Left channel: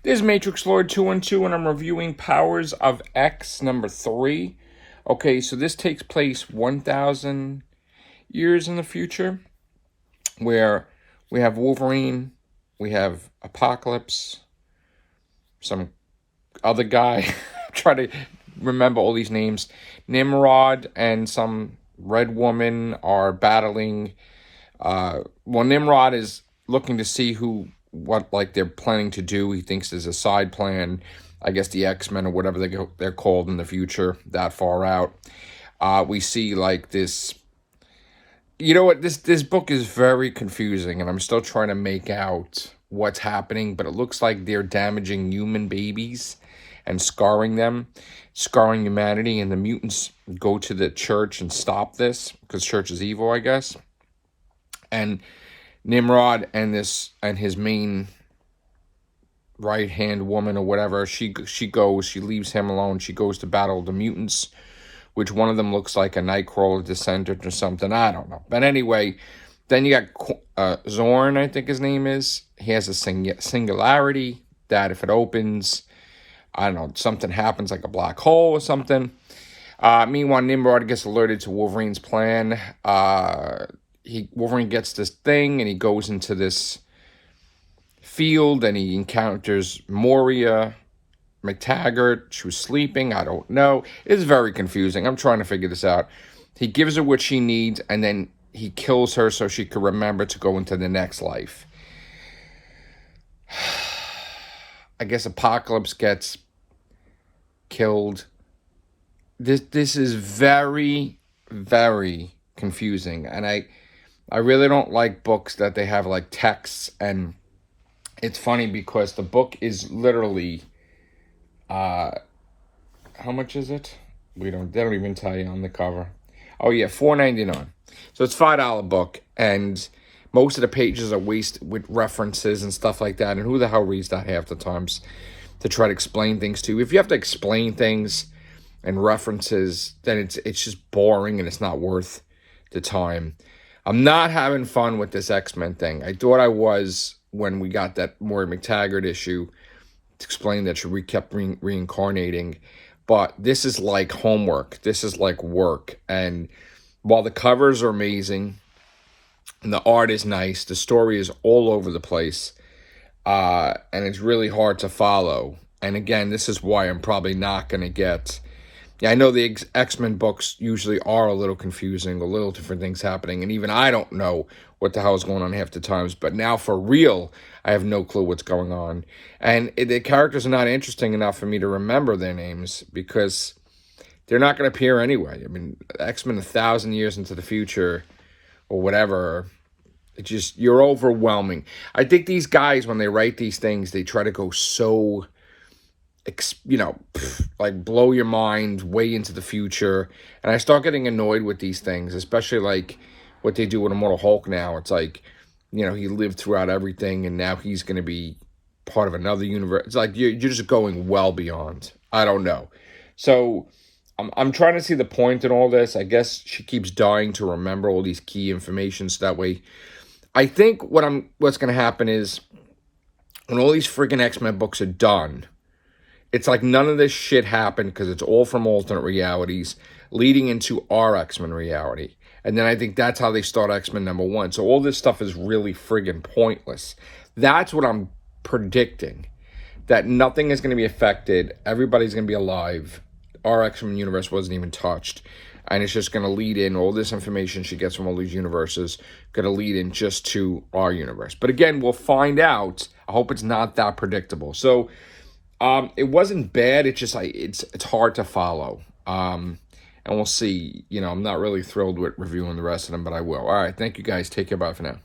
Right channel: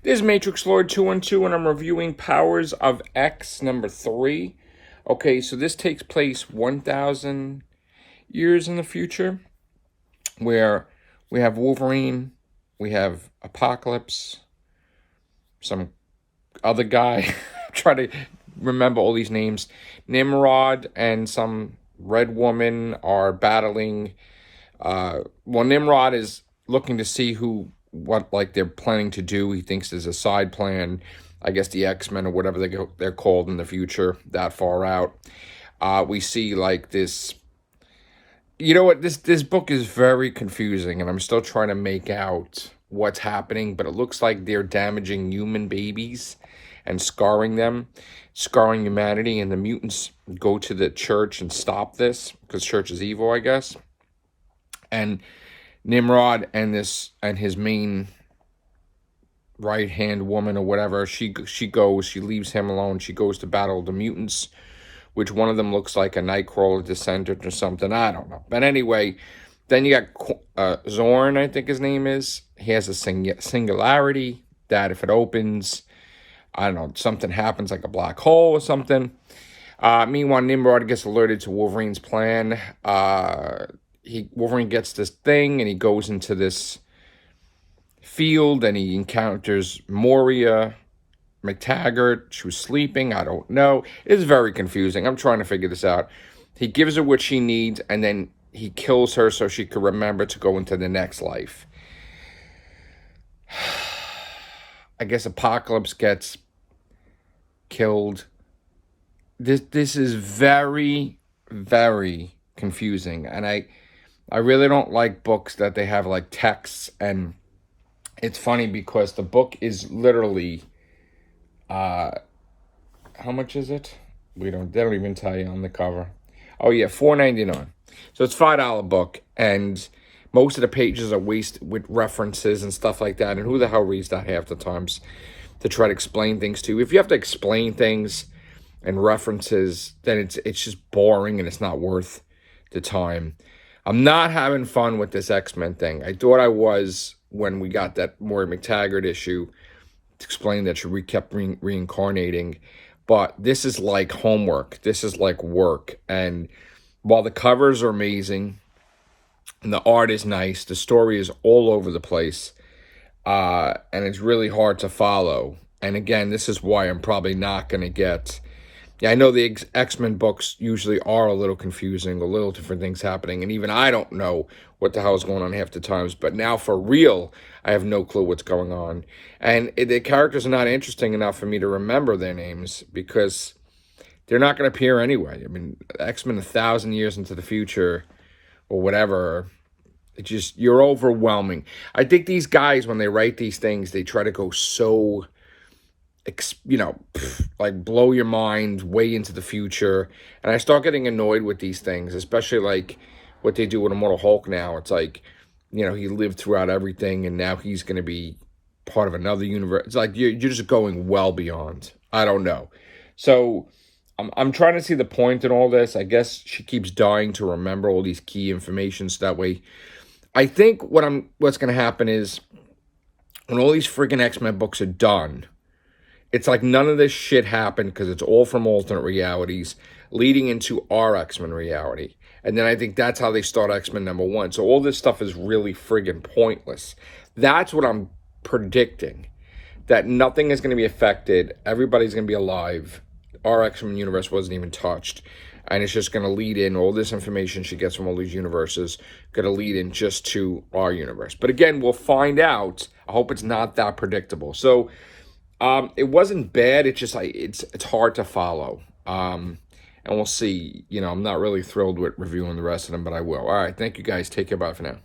This is Matrix Lord 212, and I'm reviewing Powers of X number 3. Okay, so this takes place 1,000 years in the future, where we have Wolverine, we have Apocalypse, some other guy, try to remember all these names, Nimrod, and some red woman are battling. Nimrod is looking to see what they're planning to do. He thinks there's a side plan. I guess the X-Men or whatever they're called in the future, that far out. We see like this. You know what? This book is very confusing, and I'm still trying to make out what's happening. But it looks like they're damaging human babies and scarring them, scarring humanity. And the mutants go to the church and stop this because church is evil, I guess. And Nimrod and his main right-hand woman or whatever, she leaves him alone. She goes to battle the mutants, which one of them looks like a Nightcrawler descendant or something. I don't know. But anyway, then you got Zorn, I think his name is. He has a singularity that if it opens, I don't know, something happens like a black hole or something. Meanwhile, Nimrod gets alerted to Wolverine's plan. Wolverine gets this thing and he goes into this field and he encounters Moria McTaggart. She was sleeping. I don't know. It's very confusing. I'm trying to figure this out. He gives her what she needs and then he kills her so she could remember to go into the next life. I guess Apocalypse gets killed. This is very, very confusing. And I really don't like books that they have like texts, and it's funny because the book is literally, how much is it? They don't even tell you on the cover. Oh yeah, $4.99. So it's $5 book, and most of the pages are wasted with references and stuff like that. And who the hell reads that half the times to try to explain things to you? If you have to explain things and references, then it's just boring and it's not worth the time. I'm not having fun with this X-Men thing. I thought I was when we got that Moira McTaggart issue to explain that she kept reincarnating. But this is like homework. This is like work. And while the covers are amazing and the art is nice, the story is all over the place. And it's really hard to follow. And again, this is why I'm probably not going to get... Yeah, I know the X-Men books usually are a little confusing, a little different things happening, and even I don't know what the hell is going on half the times, but now for real, I have no clue what's going on. And the characters are not interesting enough for me to remember their names because they're not going to appear anyway. I mean, X-Men 1,000 years into the future or whatever, you're overwhelming. I think these guys, when they write these things, they try to go so... like blow your mind way into the future. And I start getting annoyed with these things, especially like what they do with Immortal Hulk now. It's like, he lived throughout everything and now he's going to be part of another universe. It's like you're just going well beyond. I don't know. So I'm trying to see the point in all this. I guess she keeps dying to remember all these key information so that way. I think what's going to happen is when all these freaking X-Men books are done, it's like none of this shit happened because it's all from alternate realities leading into our X-Men reality. And then I think that's how they start X-Men #1. So all this stuff is really friggin' pointless. That's what I'm predicting. That nothing is going to be affected. Everybody's going to be alive. Our X-Men universe wasn't even touched. And it's just going to lead in all this information she gets from all these universes, going to lead in just to our universe. But again, we'll find out. I hope it's not that predictable. So... it wasn't bad. It's just like it's hard to follow. And we'll see. I'm not really thrilled with reviewing the rest of them, but I will. All right, thank you guys. Take care. Bye for now.